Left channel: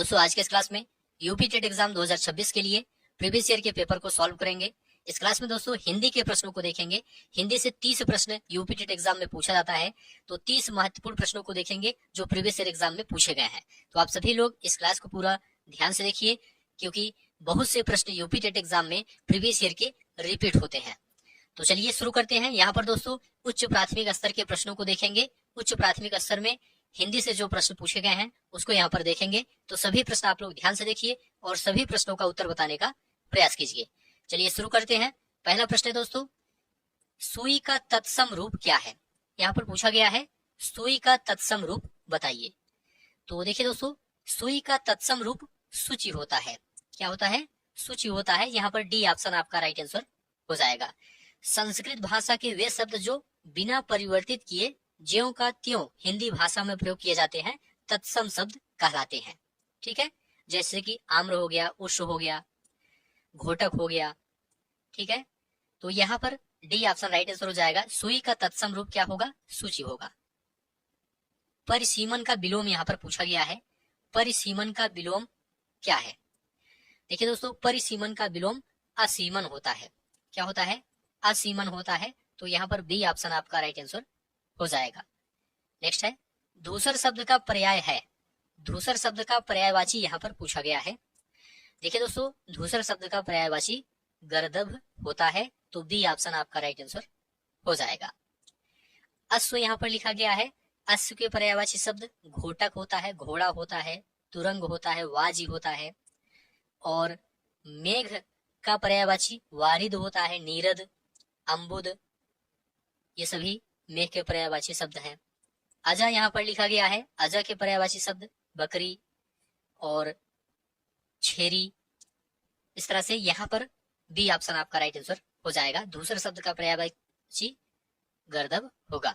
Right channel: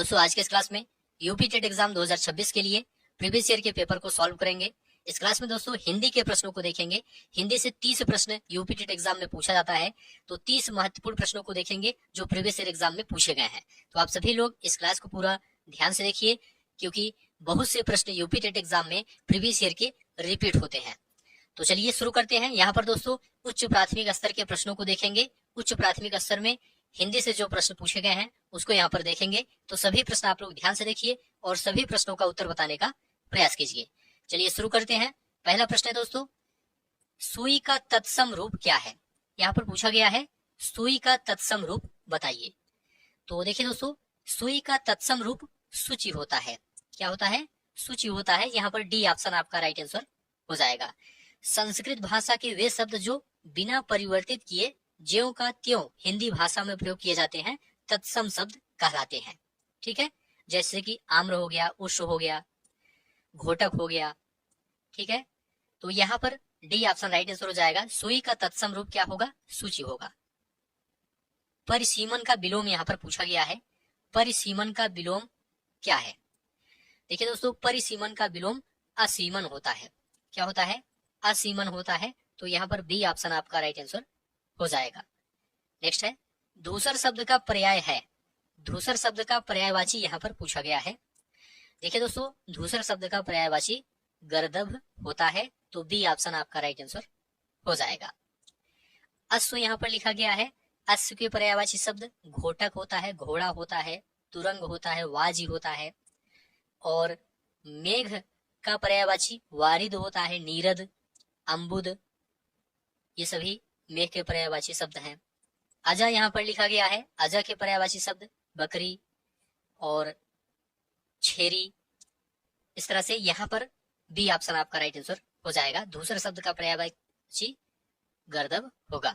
दोस्तों आज के इस क्लास में यूपी टेट एग्जाम 2026 के लिए प्रीवियस ईयर के पेपर को सॉल्व करेंगे। इस क्लास में दोस्तों हिंदी के प्रश्नों को देखेंगे। हिंदी से 30 प्रश्न यूपी टेट एग्जाम में पूछा जाता है, तो 30 महत्वपूर्ण प्रश्नों को देखेंगे जो प्रीवियस ईयर एग्जाम में पूछे गए हैं। तो आप सभी लोग इस क्लास को पूरा ध्यान से देखिए, क्योंकि बहुत से प्रश्न यूपी टेट एग्जाम में प्रीवियस ईयर के रिपीट होते हैं। तो चलिए शुरू करते हैं। यहाँ पर दोस्तों उच्च प्राथमिक स्तर के प्रश्नों को देखेंगे। उच्च प्राथमिक स्तर में हिंदी से जो प्रश्न पूछे गए हैं उसको यहाँ पर देखेंगे। तो सभी प्रश्न आप लोग ध्यान से देखिए और सभी प्रश्नों का उत्तर बताने का प्रयास कीजिए। चलिए शुरू करते हैं। पहला प्रश्न है दोस्तों, सुई का तत्सम रूप क्या है? यहाँ पर पूछा गया है सुई का तत्सम रूप बताइए। तो देखिए दोस्तों, सुई का तत्सम रूप सूची होता है। क्या होता है? सूची होता है। यहाँ पर डी ऑप्शन आपका राइट आंसर हो जाएगा। संस्कृत भाषा के वे शब्द जो बिना परिवर्तित किए ज्यों का त्यों हिंदी भाषा में प्रयोग किए जाते हैं तत्सम शब्द कहलाते हैं। ठीक है, जैसे कि आम्र हो गया, उष्ण हो गया, घोटक हो गया। ठीक है, तो यहाँ पर डी ऑप्शन राइट आंसर हो जाएगा। सुई का तत्सम रूप क्या होगा? सूची होगा। परिसीमन का विलोम यहाँ पर पूछा गया है। परिसीमन का विलोम क्या है? देखिए दोस्तों, परिसीमन का विलोम असीमन होता है। क्या होता है? असीमन होता है। तो यहाँ पर बी ऑप्शन आपका राइट आंसर हो जाएगा। नेक्स्ट है, धूसर शब्द का पर्याय है। धूसर शब्द का पर्यायवाची यहाँ पर पूछा गया है। देखिए दोस्तों, धूसर शब्द का पर्यायवाची गर्दभ होता है। तो बी ऑप्शन आपका राइट आंसर हो जाएगा। अश्व यहाँ पर लिखा गया है। अश्व के पर्यायवाची शब्द घोटक होता है, घोड़ा होता है, तुरंग होता है, वाजी होता है। और मेघ का पर्यायवाची वारिद होता है, नीरद, अम्बुद, ये सभी मेघ के पर्यायवाची शब्द हैं। अजा यहाँ पर लिखा गया है। अजा के पर्यायवाची शब्द बकरी और छेरी। इस तरह से यहाँ पर बी ऑप्शन आपका राइट आंसर हो जाएगा। दूसरे शब्द का पर्यायवाची गर्दभ होगा।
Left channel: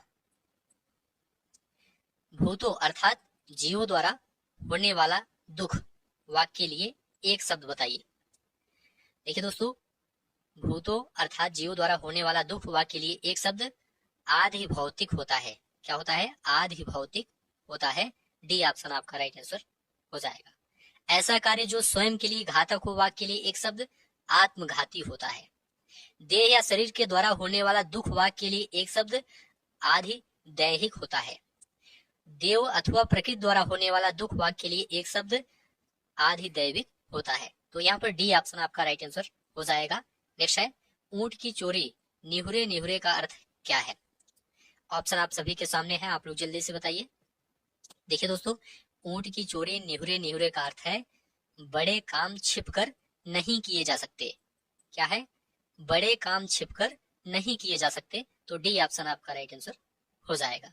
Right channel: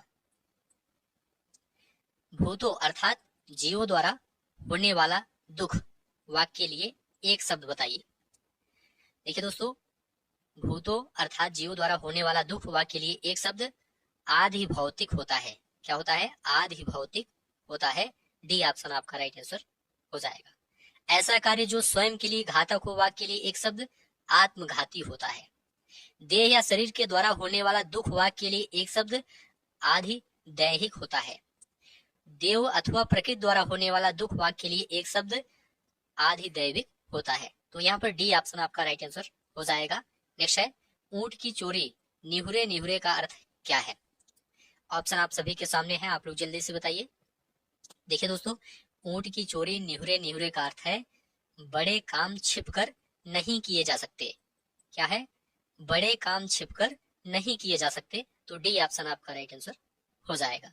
भूतो अर्थात जीवों द्वारा होने वाला दुख वाक्य के लिए एक शब्द बताइए। देखिए दोस्तों, भूतो अर्थात जीवों द्वारा होने वाला दुख वाक्य के लिए एक शब्द आधि भौतिक होता है। क्या होता है? आधि भौतिक होता है। डी ऑप्शन आपका राइट आंसर हो जाएगा। ऐसा कार्य जो स्वयं के लिए घातक हो वाक्य के लिए एक शब्द आत्मघाती होता है। देह या शरीर के द्वारा होने वाला दुख वाक्य के लिए एक शब्द आधि दैहिक होता है। देव अथवा प्रकृति द्वारा होने वाला दुख वाक्य के लिए एक शब्द आधि दैविक होता है। तो यहाँ पर डी ऑप्शन आपका राइट आंसर हो जाएगा। नेक्स्ट है, ऊंट की चोरी निहुरे निहुरे का अर्थ क्या है? ऑप्शन आप सभी के सामने है, आप लोग जल्दी से बताइए। देखिए दोस्तों, ऊंट की चोरी निहुरे निहुरे का अर्थ है बड़े काम छिपकर नहीं किए जा सकते। क्या है? बड़े काम छिपकर नहीं किए जा सकते। तो डी ऑप्शन आपका राइट आंसर हो जाएगा।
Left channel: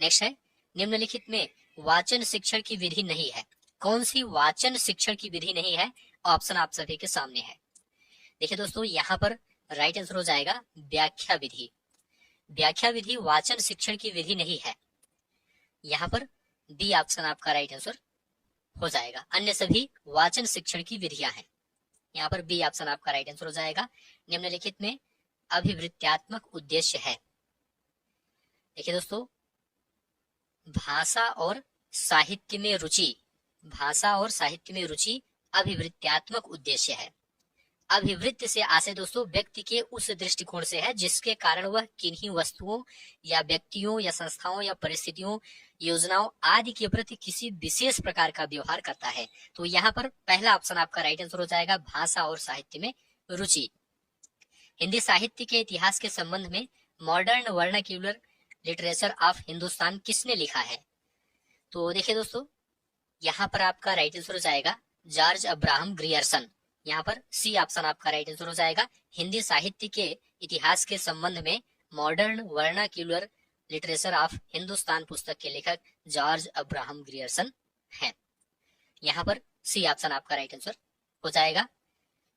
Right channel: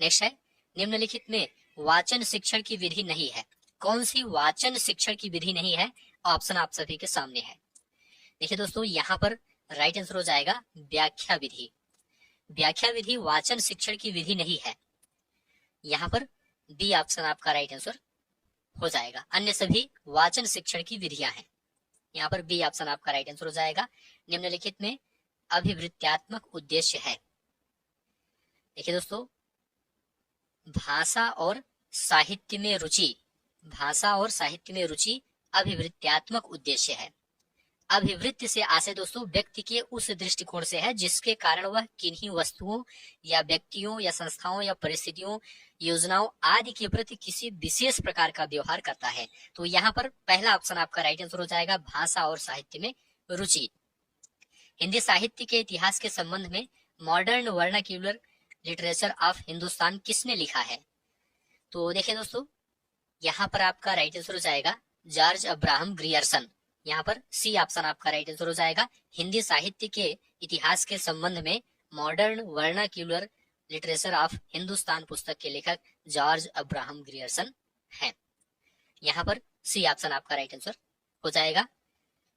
नेक्स्ट है, निम्नलिखित में वाचन शिक्षण की विधि नहीं है। कौन सी वाचन शिक्षण की विधि नहीं है? ऑप्शन आप सभी के सामने है। देखिए दोस्तों, यहाँ पर राइट आंसर हो जाएगा व्याख्या विधि। व्याख्या विधि वाचन शिक्षण की विधि नहीं है। यहाँ पर बी ऑप्शन आपका राइट आंसर हो जाएगा। अन्य सभी वाचन शिक्षण की विधियां हैं। यहाँ पर बी ऑप्शन आपका राइट आंसर हो जाएगा। निम्नलिखित में अभिवृत्त्यात्मक उद्देश्य है। देखिए दोस्तों, भाषा और साहित्य में रुचि, भाषा और साहित्य में रुचि अभिवृत्त्यात्मक उद्देश्य है। अभिवृत्ति से आशय दोस्तों व्यक्ति के उस दृष्टिकोण से है जिसके कारण वह किन्हीं वस्तुओं या व्यक्तियों या संस्थाओं या परिस्थितियों, योजनाओं आदि के प्रति किसी विशेष प्रकार का व्यवहार करता है। तो यहाँ पर पहला ऑप्शन आपका राइट आंसर हो जाएगा, भाषा और साहित्य में रुचि। हिंदी साहित्य के इतिहास के संबंध में modern vernacular literature of Hindustan किसने लिखा है? तो देखिए दोस्तों, यहाँ पर आपका राइट आंसर हो जाएगा जॉर्ज अब्राहम ग्रियर्सन। यहाँ पर सी ऑप्शन आपका राइट आंसर हो जाएगा। हिंदी साहित्य के इतिहास के संबंध में modern vernacular literature of Hindustan पुस्तक के लेखक जॉर्ज अब्राहम ग्रियर्सन हैं। यहाँ पर सी ऑप्शन आपका राइट आंसर हो जाएगा।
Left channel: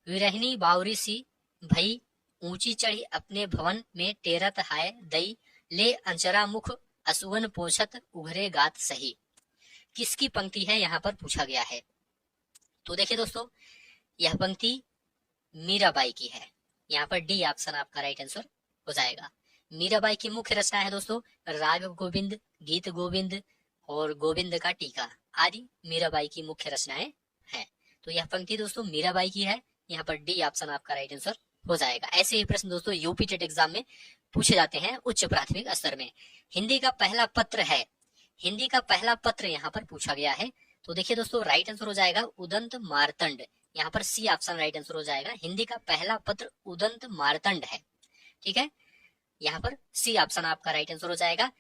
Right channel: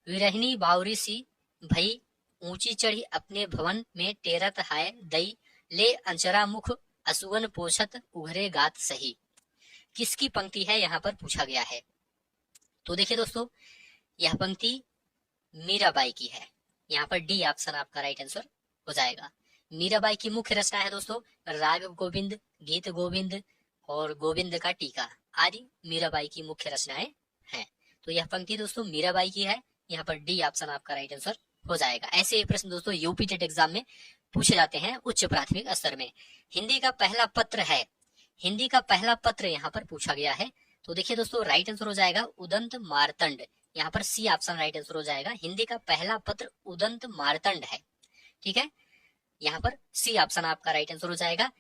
विरहिणी बावरी सी भई ऊंची चढ़ी अपने भवन में टेरत हाय दई ले अंचरा मुख असुवन पोछत उघरे गात सही, किसकी पंक्ति है? यहाँ पर पूछा गया है। तो देखिए दोस्तों, यह पंक्ति मीराबाई की है। यहाँ पर डी ऑप्शन आपका राइट आंसर हो जाएगा। मीराबाई की मुख्य रचना है दोस्तों राग गोविंद, गीत गोविंद और गोविंद का टीका। आदि मीराबाई की मुख्य रचनाएं हैं। तो यह पंक्ति दोस्तों मीराबाई की है। यहाँ पर डी ऑप्शन आपका राइट आंसर हो जाएगा। ऐसे ही प्रश्न दोस्तों यूपी टेट एग्जाम में पूछे जाते हैं उच्च प्राथमिक स्तर में। हिंदी का पहला पत्र है, हिंदी का पहला पत्र यहाँ पर पूछा गया है। तो देखिए दोस्तों राइट आंसर हो जाएगा उदंत मार्तंड। यहाँ पर सी ऑप्शन राइट आंसर हो जाएगा। हिंदी का पहला पत्र उदंत मार्तंड है। ठीक है, यहाँ पर सी ऑप्शन आपका राइट आंसर हो जाएगा।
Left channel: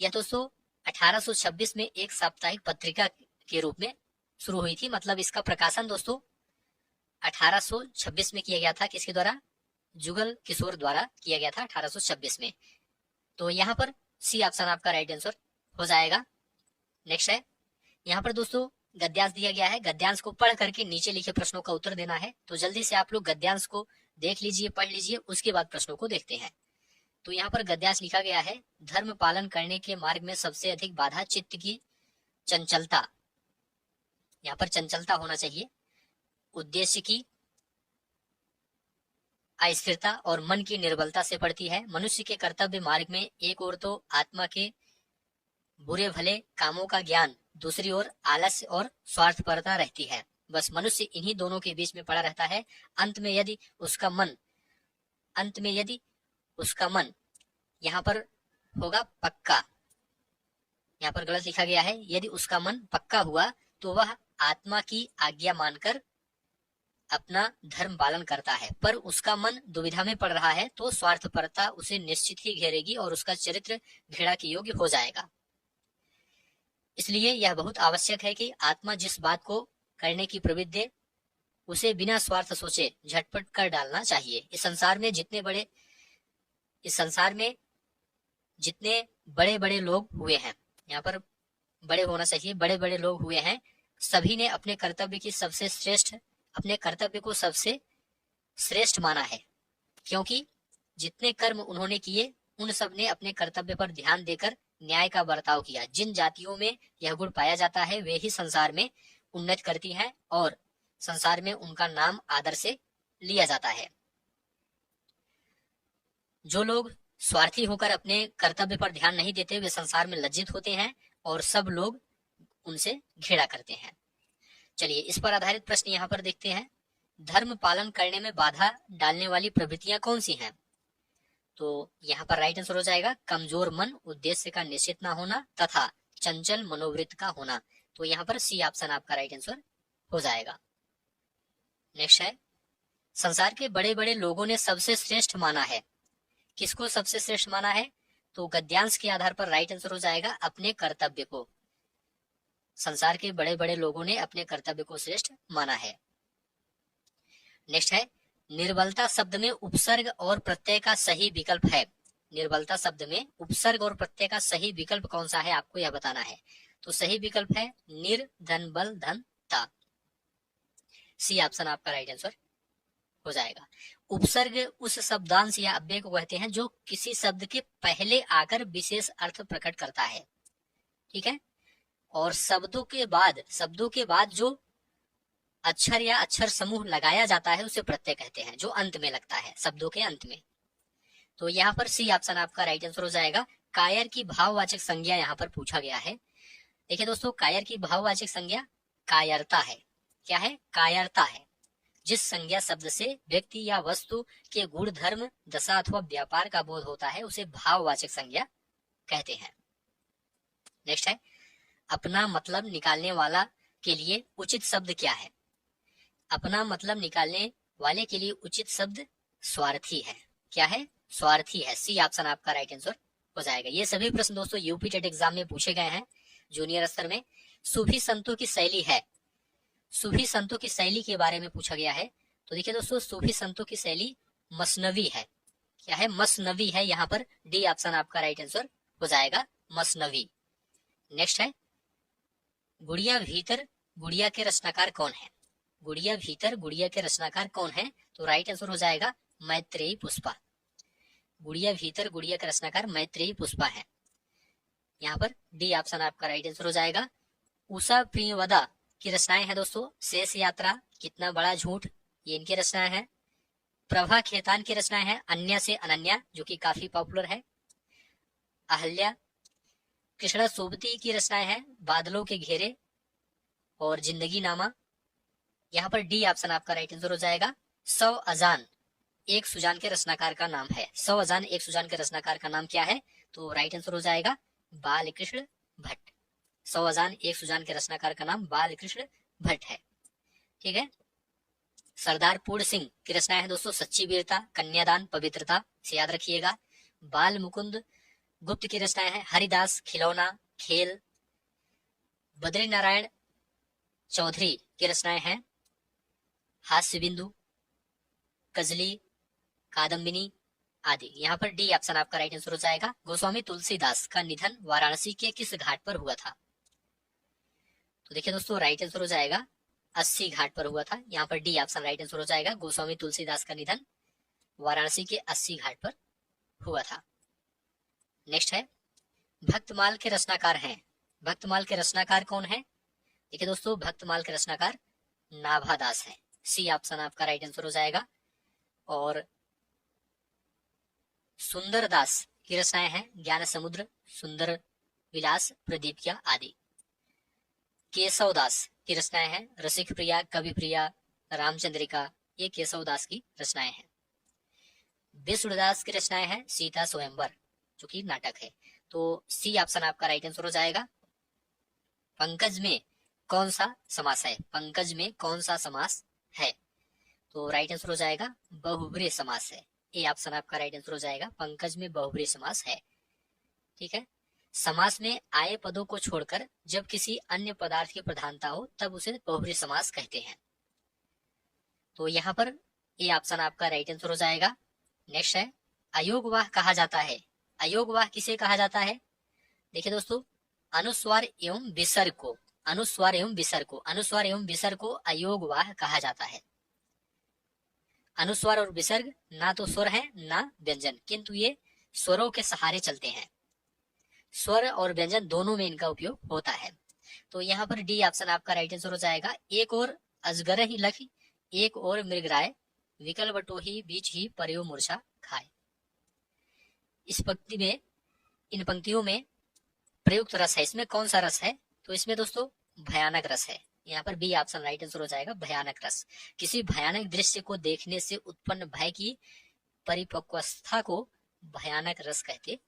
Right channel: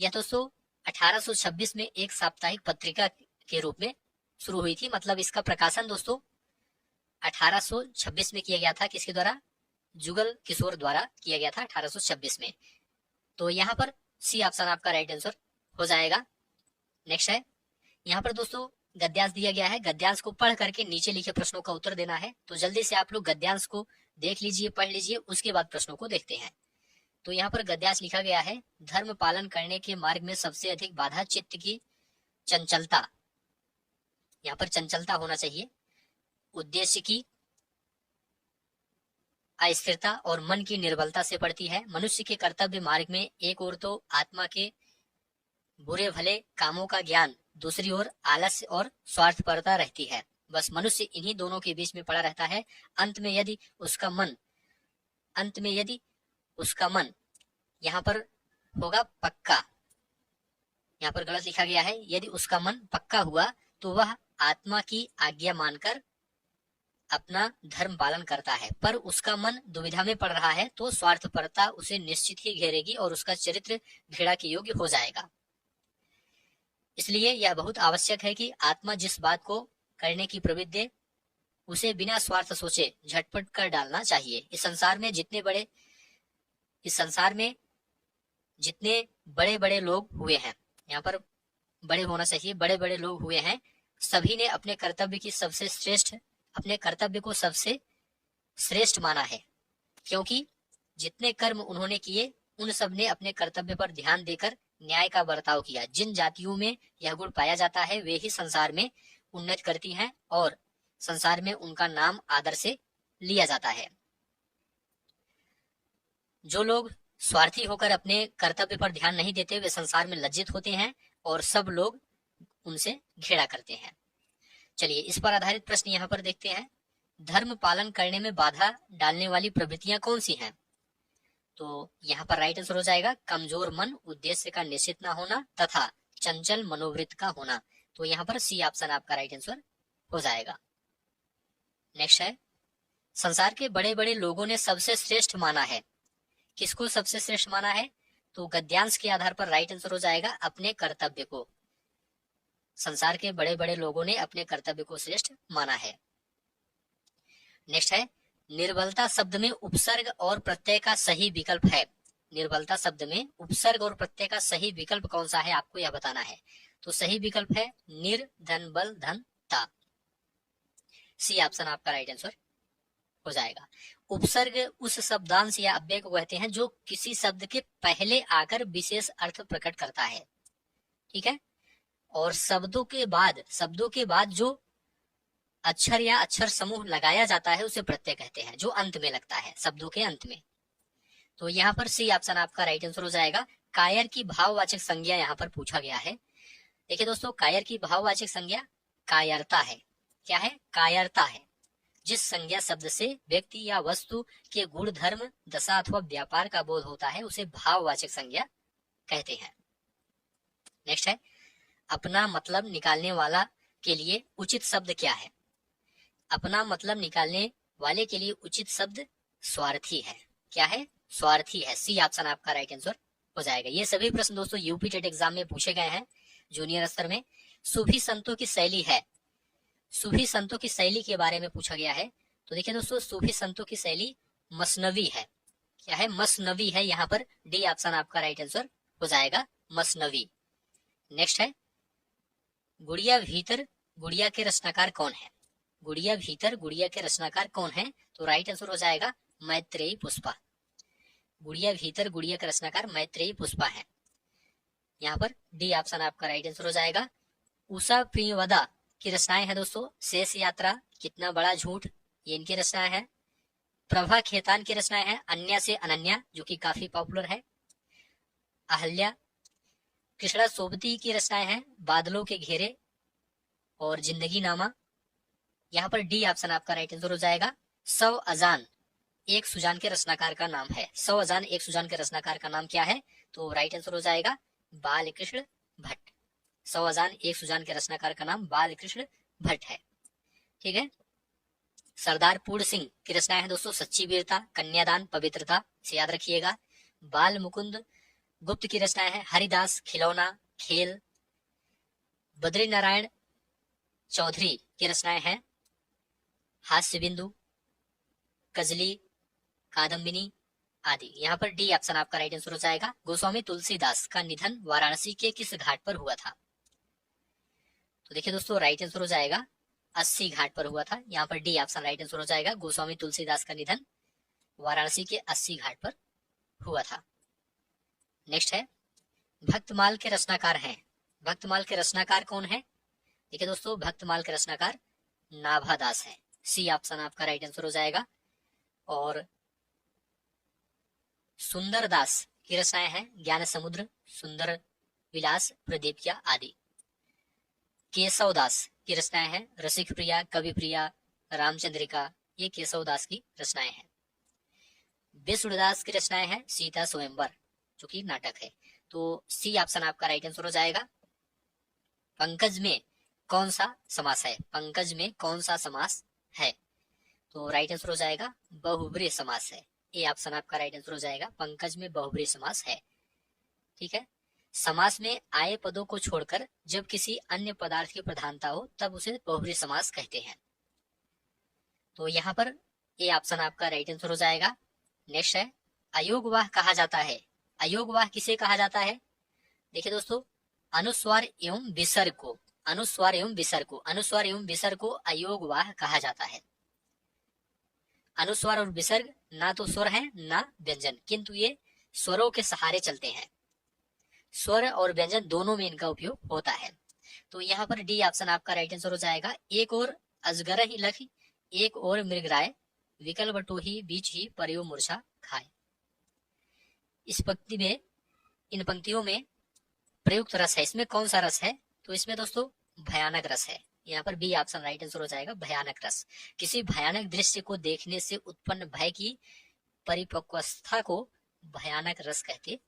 यह दोस्तों 1826 में एक साप्ताहिक पत्रिका के रूप में शुरू हुई थी। मतलब इसका प्रकाशन दोस्तों 1826 में किया गया था। किसके द्वारा? जुगल किशोर द्वारा किया गया था 1826 में। तो यहाँ पर सी ऑप्शन आपका राइट आंसर हो जाएगा। नेक्स्ट है, यहाँ पर दोस्तों गद्यांश दिया गया है। गद्यांश को पढ़ करके नीचे लिखे प्रश्नों का उत्तर देना है। तो जल्दी से आप लोग गद्यांश को देख लीजिए, पढ़ लीजिए, उसके बाद प्रश्नों को देखते हैं। तो यहाँ पर गद्यांश लिखा गया है, धर्म पालन करने के मार्ग में सबसे अधिक बाधा चित्त की चंचलता, यहाँ पर चंचलता होना चाहिए, उद्देश्य की अस्थिरता और मन की निर्बलता से पड़ती है। मनुष्य के कर्तव्य मार्ग में एक ओर तो आत्मा के बुरे भले कामों का ज्ञान, दूसरी ओर आलस्य और स्वार्थपरता रहती है। बस मनुष्य इन्हीं दोनों के बीच में पड़ा रहता है। अंत में यदि उसका मन यहाँ पर होगा पक्का, यहाँ पर गलत लिखा गया है, यदि उसका मन पक्का हुआ तो वह आत्मा की आज्ञा मानकर अपना धर्म पालन करता है। पर उसका मन दुविधा में पड़ रहा है तो स्वार्थपरता उसे निश्चित ही घेरेगी और उसका चरित्र घृणा के योग्य हो जाएगा। इसलिए यह बहुत आवश्यक है कि आत्मा जिस बात को करने की प्रवृत्ति दे उसे बिना स्वार्थ सोचे झटपट कर डालना चाहिए। इस संसार में जितने बड़े बड़े लोग हुए हैं, यहाँ पर बड़े होना चाहिए, बड़े बड़े लोग हुए हैं, सभी ने अपने कर्तव्य को सबसे श्रेष्ठ माना है। क्योंकि जितने कर्म उन्होंने किए उन सब ने अपने कर्तव्य पर ध्यान देकर न्याय का बर्ताव किया। जिन जातियों में यह गुण पाया जाता है वे ही संसार में उन्नति करती हैं और संसार में उनका नाम आदर से लिया जाता है। जो लोग स्वार्थी होकर अपने कर्तव्य पर ध्यान नहीं देते वे संसार में लज्जित होते हैं और सब लोग उनसे घृणा करते हैं। चलिए इस पर आधारित प्रश्न यहाँ पर देखते हैं। धर्म पालन करने में बाधा डालने वाली प्रवृत्तियां कौन सी हैं? तो यहाँ पर राइट आंसर हो जाएगा कमजोर मन, उद्देश्य का निश्चित न होना तथा चंचल मनोवृत्त का होना। तो यहाँ पर सी ऑप्शन आपका राइट आंसर हो जाएगा। नेक्स्ट है, संसार के बड़े बड़े लोगों ने सबसे श्रेष्ठ माना है। किसको सबसे श्रेष्ठ माना है? तो गद्यांश के आधार पर राइट आंसर हो जाएगा अपने कर्तव्य को। संसार के बड़े बड़े लोगों ने अपने कर्तव्य को श्रेष्ठ माना है। नेक्स्ट है, निर्बलता शब्द में उपसर्ग और प्रत्यय का सही विकल्प है। निर्बलता शब्द में उपसर्ग और प्रत्यय का सही विकल्प कौन सा है आपको यह बताना है। तो सही विकल्प है निर धन बल धन ता। सी ऑप्शन आपका राइट आंसर हो जाएगा। उपसर्ग उस शब्दांश या अव्यय को कहते हैं जो किसी शब्द के पहले आकर विशेष अर्थ प्रकट करता है। ठीक है, और शब्दों के बाद जो अक्षर या अक्षर समूह लगाया जाता है उसे प्रत्यय कहते हैं, जो अंत में लगता है शब्दों के अंत में। तो यहाँ पर सी ऑप्शन आपका राइट आंसर हो जाएगा। कायर की भाववाचक संज्ञा यहाँ पर पूछा गया है। देखिए दोस्तों, कायर की भाववाचक संज्ञा कायरता है। क्या है? कायरता है। जिस संज्ञा शब्द से व्यक्ति या वस्तु के गुण धर्म दशा अथवा व्यापार का बोध होता है उसे भाववाचक संज्ञा कहते हैं। नेक्स्ट है, अपना मतलब निकालने वाला के लिए उचित शब्द क्या है? अपना मतलब निकालने वाले के लिए उचित शब्द स्वार्थी है। क्या है? स्वार्थी है। सी ऑप्शन आपका राइट आंसर हो जाएगा। ये सभी प्रश्न दोस्तों यूपी टेट एग्जाम में पूछे गए हैं जूनियर स्तर में। सूफी संतों की शैली है। सूफी संतों की शैली के बारे में पूछा गया है। तो देखिए दोस्तों, सूफी संतों की शैली मसनवी है। क्या है? मसनवी है। यहाँ पर डी ऑप्शन आपका राइट आंसर हो जाएगा, मसनवी। नेक्स्ट है, गुड़िया भीतर गुड़िया के रचनाकार कौन है? गुड़िया भीतर गुड़िया के रचनाकार कौन है? तो राइट आंसर हो जाएगा मैत्रेयी पुष्पा। गुड़िया भीतर गुड़िया के रचनाकार मैत्रेयी पुष्पा है। यहाँ पर डी ऑप्शन आपका राइट आंसर हो जाएगा। उषा प्रियवदा की रचनाएं हैं दोस्तों, शेष यात्रा, कितना बड़ा झूठ, ये इनकी रचनाएं हैं। प्रभा खेतान की रचनाएं हैं अन्य से अनन्या, जो कि काफी पॉपुलर है। अहल्या। कृष्णा सोबती की रचनाएं हैं बादलों के घेरे, और जिंदगी नामा। यहाँ पर डी ऑप्शन आपका राइट आंसर हो जाएगा। सौ अजान एक सुजान के रचनाकार का नाम है। सौ अजान एक सुजान के रचनाकार का नाम क्या है? तो राइट आंसर हो जाएगा बाल कृष्ण भट्ट। सौ अजान एक सुजान के रचनाकार का नाम बाल कृष्ण भट्ट है। ठीक है। सरदार पूर्ण सिंह की रचनाएं है दोस्तों सच्ची वीरता, कन्यादान, पवित्रता, से याद रखिएगा। बाल मुकुंद गुप्त की रचनाएं है हरिदास, खिलौना, खेल। बद्री नारायण चौधरी की रचनाएं है हास्य बिंदु, कजली, कादम्बिनी आदि। यहाँ पर डी ऑप्शन आपका राइट आंसर हो जाएगा। गोस्वामी तुलसीदास का निधन वाराणसी के किस घाट पर हुआ था? तो देखिए दोस्तों राइट आंसर हो जाएगा 80 घाट पर हुआ था। यहाँ पर डी ऑप्शन राइट आंसर हो जाएगा। गोस्वामी तुलसीदास का निधन वाराणसी के 80 घाट पर हुआ था। नेक्स्ट है भक्तमाल के रचनाकार हैं। भक्तमाल के रचनाकार कौन है? देखिए दोस्तों भक्तमाल के रचनाकार नाभादास है। सी ऑप्शन आपका राइट आंसर हो जाएगा। और सुंदर दास की रचनाएं हैं ज्ञान समुद्र, सुंदर विलास, प्रदीपिया आदि। केशव दास की रचनाएं हैं रसिक प्रिया, कवि प्रिया, रामचंद्रिका। ये केशव दास की रचनाएं हैं। विष्णुदास की रचनाएं हैं सीता स्वयंवर जो कि नाटक है। तो सी ऑप्शन आपका राइट आंसर हो जाएगा। पंकज में कौन सा समास है? पंकज में कौन सा समास है? तो राइट आंसर हो जाएगा बहुब्रीहि समास है। ये ऑप्शन आपका राइट आंसर हो जाएगा। पंकज में बहुब्रीहि समास है। ठीक है। समास में आए पदों को छोड़कर जब किसी अन्य पदार्थ की प्रधानता हो तब उसे बहुब्रीहि समास कहते हैं। तो यहाँ पर ये ऑप्शन आपका राइट आंसर हो जाएगा। नेक्स्ट है अयोगवाह कहा जाता है। अयोगवाह किसे कहा जाता है? देखिए दोस्तों अनुस्वार एवं विसर्ग को, अनुस्वार एवं विसर्ग को, अनुस्वार एवं विसर्ग को अयोगवाह कहा जाता है। अनुस्वार और विसर्ग ना तो स्वर है ना व्यंजन, किंतु ये स्वरों के सहारे चलते हैं। स्वर और व्यंजन दोनों में इनका उपयोग होता है। तो यहाँ पर डी ऑप्शन आपका राइट आंसर हो जाएगा। एक और अजगर ही लख, एक और मृगराय, विकल बटो ही बीच ही परयो मूर्छा खाए। इस पंक्ति में, इन पंक्तियों में प्रयुक्त रस है, इसमें कौन सा रस है? तो इसमें दोस्तों भयानक रस है। यहाँ पर बी ऑप्शन राइट आंसर हो जाएगा भयानक रस। किसी भयानक दृश्य को देखने से उत्पन्न भय की परिपक्वता को भयानक रस कहते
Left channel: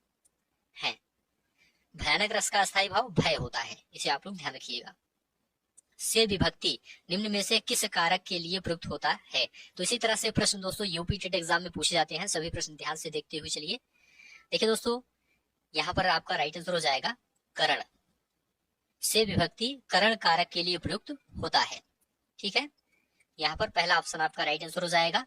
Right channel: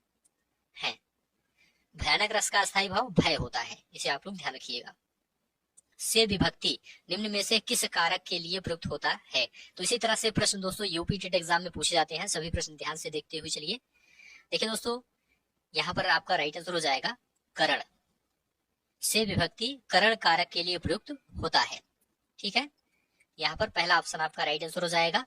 हैं। भयानक रस का अस्थायी भाव भय होता है, इसे आप लोग ध्यान रखिएगा। से विभक्ति निम्न में से किस कारक के लिए प्रयुक्त होता है? तो इसी तरह से प्रश्न दोस्तों यूपी टेट एग्जाम में पूछे जाते हैं। सभी प्रश्न ध्यान से देखते हुए चलिए। देखिए दोस्तों यहाँ पर आपका राइट आंसर हो जाएगा करण। से विभक्ति करण कारक के लिए प्रयुक्त होता है। ठीक है। यहाँ पर पहला ऑप्शन आपका राइट आंसर हो जाएगा।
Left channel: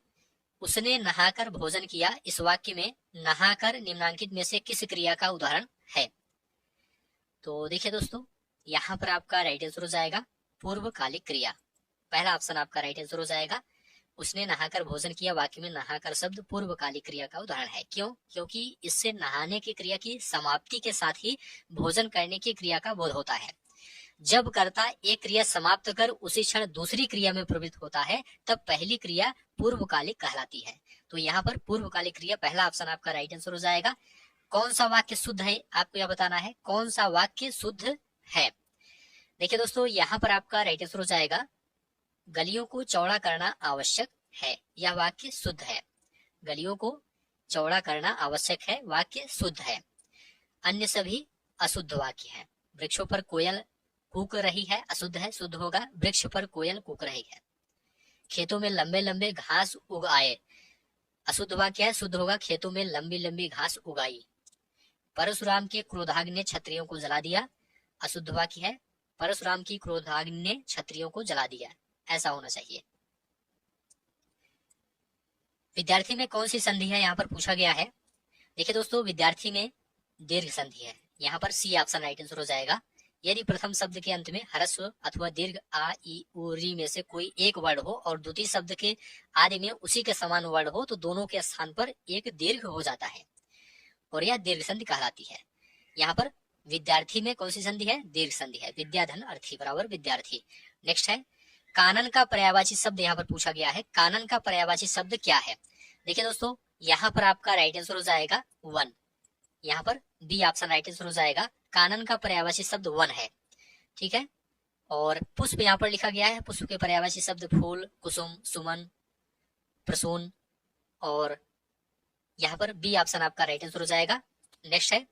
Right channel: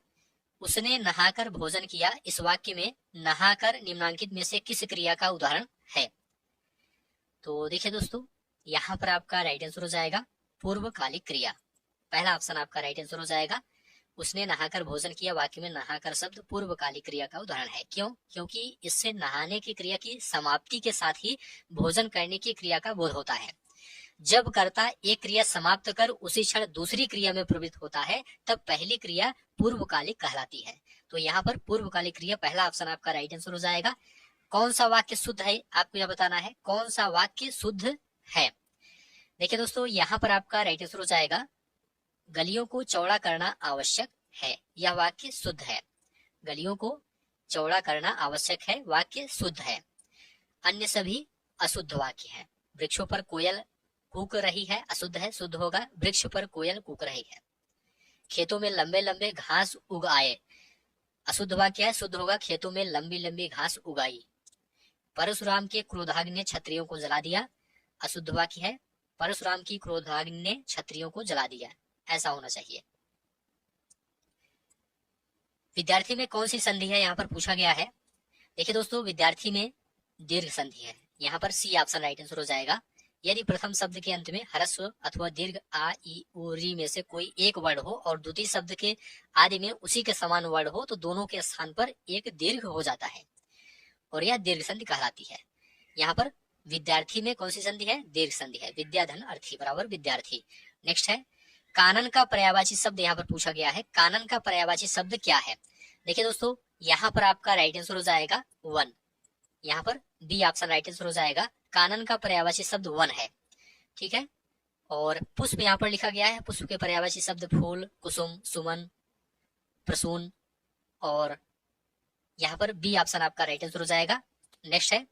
उसने नहाकर भोजन किया, इस वाक्य में नहाकर निम्नांकित में से किस क्रिया का उदाहरण है? तो देखिए दोस्तों यहाँ पर आपका राइट आंसर हो जाएगा पूर्वकालिक क्रिया। पहला ऑप्शन आपका राइट आंसर हो जाएगा। उसने नहाकर भोजन किया वाक्य में नहाकर शब्द पूर्वकालिक क्रिया का उदाहरण है। क्यों? क्योंकि इससे नहाने की क्रिया की समाप्ति के साथ ही भोजन करने की क्रिया का बोध होता है। जब कर्ता एक क्रिया समाप्त कर उसी क्षण दूसरी क्रिया में प्रवृत्त होता है तब पहली क्रिया पूर्वकालिक कहलाती है। तो यहाँ पर पूर्वकालिक क्रिया पहला ऑप्शन आपका राइट आंसर हो जाएगा। कौन सा वाक्य शुद्ध है आपको यह बताना है, कौन सा वाक्य शुद्ध है। देखिए दोस्तों यहाँ पर आपका राइट आंसर हो जाएगा गलियों को चौड़ा करना आवश्यक है, यह वाक्य शुद्ध है। गलियों को चौड़ा करना आवश्यक है, वाक्य शुद्ध है। अन्य सभी अशुद्ध वाक्य है। वृक्षों पर कोयल कूक रही है, अशुद्ध है, शुद्ध होगा वृक्ष पर कोयल कूक रही है। खेतों में लंबे लंबे घास उग आए, अशुद्ध वाक्य है, शुद्ध होगा खेतों में लंबी लंबी घास उगाई। परशुराम के क्रोधाग्नि ने क्षत्रियों को जला दिया, अशुद्ध वाक्य है, परशुराम की क्रोधाग्नि ने क्षत्रियों को जला दिया, ऐसा होना चाहिए। विद्यार्थी में कौन सी संधि है यहाँ पर पूछा गया है। देखिए दोस्तों विद्यार्थी में दीर्घ संधि है, यहाँ पर सी ऑप्शन राइट आंसर हो जाएगा। यदि प्रथम शब्द के अंत में ह्रस्व अथवा दीर्घ आ ई उ री में से कोई एक वर्ड हो और द्वितीय शब्द के आदि में उसी के समान वर्ड हो तो दोनों के स्थान पर एक दीर्घ हो जाता है और यह दीर्घ संधि कहलाती है। यहाँ पर विद्यार्थी में कौन सी संधि है? दीर्घ संधि है। विद्याधन अर्थी बराबर विद्यार्थी। नेक्स्ट है कानन का पर्यायवाची शब्द, यहाँ पर पूछा गया है कानन का पर्यायवाची शब्द क्या है। देखिए दोस्तों यहाँ पर आपका राइट आंसर हो जाएगा वन। यहाँ पर बी ऑप्शन राइट आंसर हो जाएगा। कानन का पर्यायवाची शब्द वन है। ठीक है। और पुष्प यहाँ पर लिखा गया है, पुष्प के पर्यायवाची शब्द फूल, कुसुम, सुमन, प्रसून, और यहाँ पर बी ऑप्शन आपका राइट आंसर हो जाएगा। नेक्स्ट है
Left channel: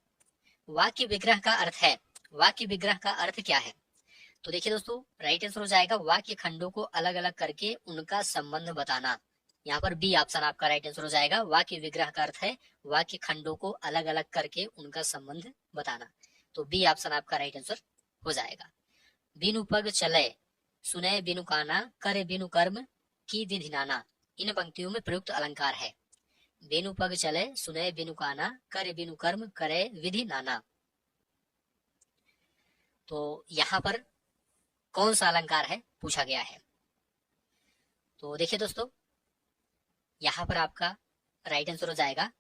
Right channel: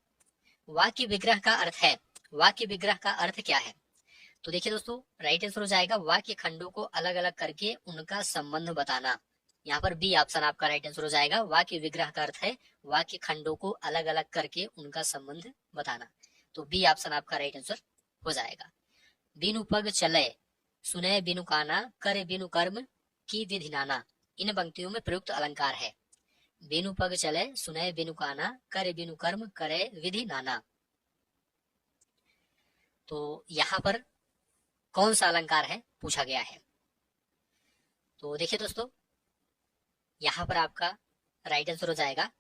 वाक्य विग्रह का अर्थ है। वाक्य विग्रह का अर्थ क्या है? तो देखिए दोस्तों, राइट आंसर हो जाएगा वाक्य खंडों को अलग अलग करके उनका संबंध बताना। यहाँ पर बी ऑप्शन आपका राइट आंसर हो जाएगा। वाक्य विग्रह का अर्थ है वाक्य खंडों को अलग अलग करके उनका संबंध बताना। तो बी ऑप्शन आपका राइट आंसर हो जाएगा। बिनु पग चले, सुने बिनु काना, करे बिनु कर्म, की विधि नाना, इन पंक्तियों में प्रयुक्त अलंकार है। बिनु पग चले, सुने बिनु काना, करे बिनु कर्म, करे विधि नाना। तो यहाँ पर कौन सा अलंकार है पूछा गया है। तो देखिए दोस्तों, यहाँ पर आपका राइट आंसर हो जाएगा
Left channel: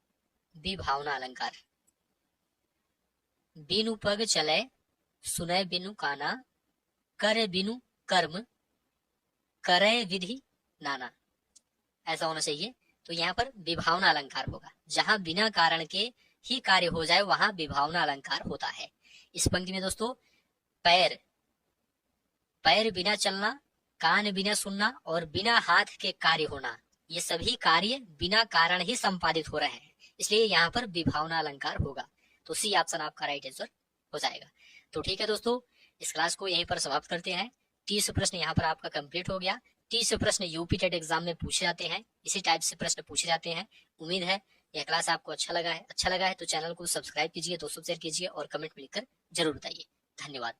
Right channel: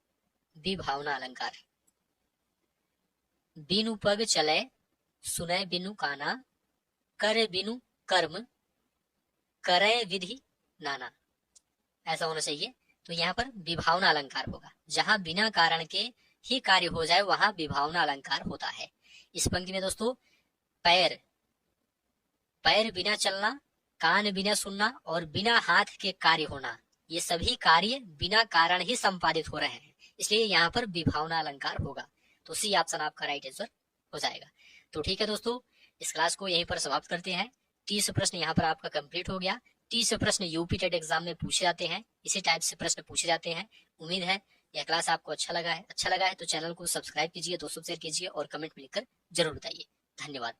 बी भावना अलंकार। बिनु पग चले, सुने बिनु काना, करे बिनु कर्म, करे विधि नाना, ऐसा होना चाहिए। तो यहाँ पर विभावना अलंकार होगा। जहां बिना कारण के ही कार्य हो जाए वहां विभावना अलंकार होता है। इस पंक्ति में दोस्तों पैर, पैर बिना चलना, कान बिना सुनना और बिना हाथ के कार्य होना, ये सभी कार्य बिना कारण ही संपादित हो रहे हैं, इसलिए यहाँ पर विभावना अलंकार होगा। तो सी ऑप्शन आपका राइट आंसर हो जाएगा। तो ठीक है दोस्तों, इस क्लास को यहीं पर समाप्त करते हैं। 30 प्रश्न यहाँ पर आपका कंप्लीट हो गया। 30 प्रश्न यूपी टेट एग्जाम में पूछे जाते हैं, इसी टाइप से प्रश्न पूछे जाते हैं। उम्मीद है यह क्लास आपको अच्छा लगा है तो चैनल को सब्सक्राइब कीजिए, दोस्तों शेयर कीजिए और कमेंट में लिखकर जरूर बताइए। धन्यवाद।